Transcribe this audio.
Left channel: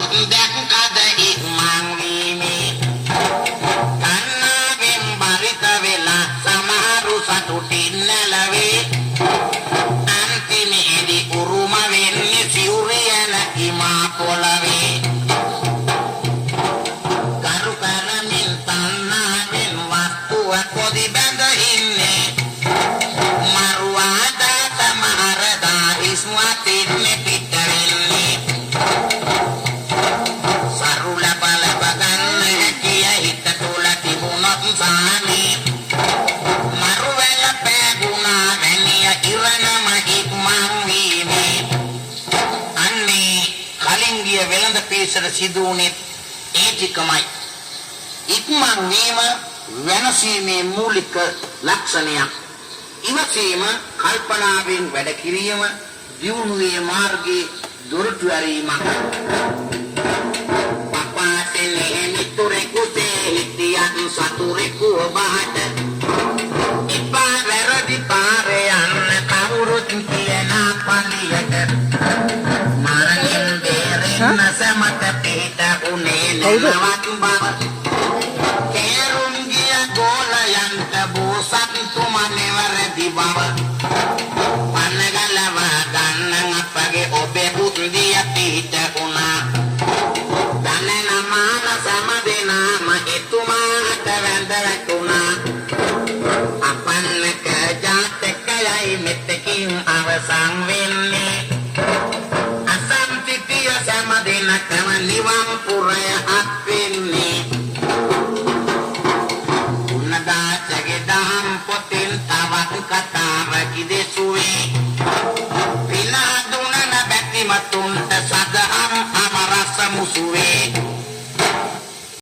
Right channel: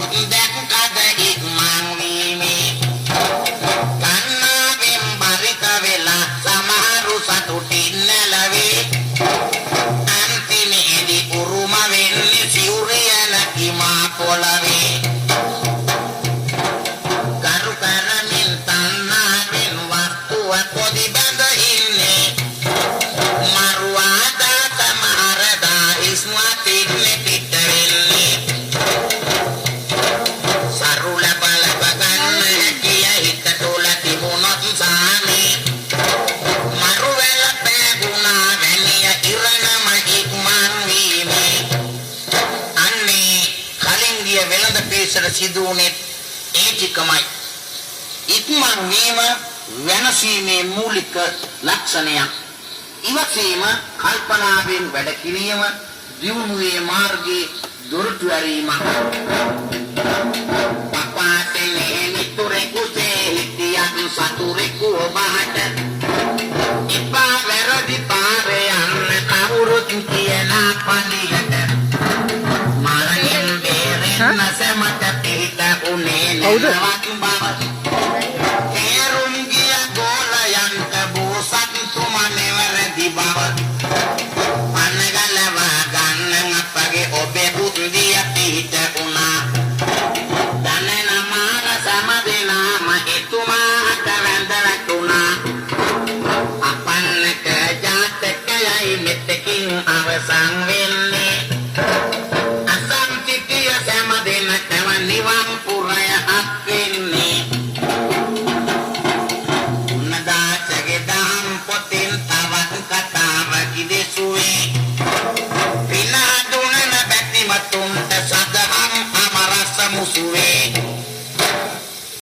දැක්කද ඉක්මන් වීමේ කන්නගෙන් බරිත වෙලා සමහරු සතුටින් නැලවේ අන්තිමේදී උරුම වෙන්නේ සිවුරියන කිමා පොළවේ කරු කරමින් තන්නාවෙන් වස්තුව පොදි බැඳ ඉන්නේ මරුවාදා තමහරදා ඉස්මතින් පිට වෙන්නේ සිදුවුනේ ඒතිකමයි ඉක්මන් වීම වෙනසීමේ මූලික ලක්ෂණයක් ඉවසීම කල්පනාවෙන් වැඩ කිරීම දියුණුවේ මාර්ගයේ දොරටු ඇරීම පපාතේ මිතුරේ කුසේ හිටියන් සතුරෙකු ඔබට ඉපා වැරදි පාරේ යන්න කවුරුත් කියන පලියට මරණයෙන් කවුද? තේරුම්ගිය ගෝලයන්ට බෝසත් තුමනෙවරදි බව පන්නගලව ගන්න අපගේ ඔබේ බුද්ධිය පිහිට වුණා දනන මාන සමදෙනාම එතුමාට වැඳ වැටුණා අපන්නක ජාතකයයි මෙතකින් අවසන් වෙන්නේ සමදෙනකම නිවන් පුරය අත්වෙන්නේ උන්නදාචගේ දහම් පොතෙන් තවත් කතාවක් දෙසුවේ පිනා දුනන බැතිමතුන්ට සදහම් අමරස මුසුවේ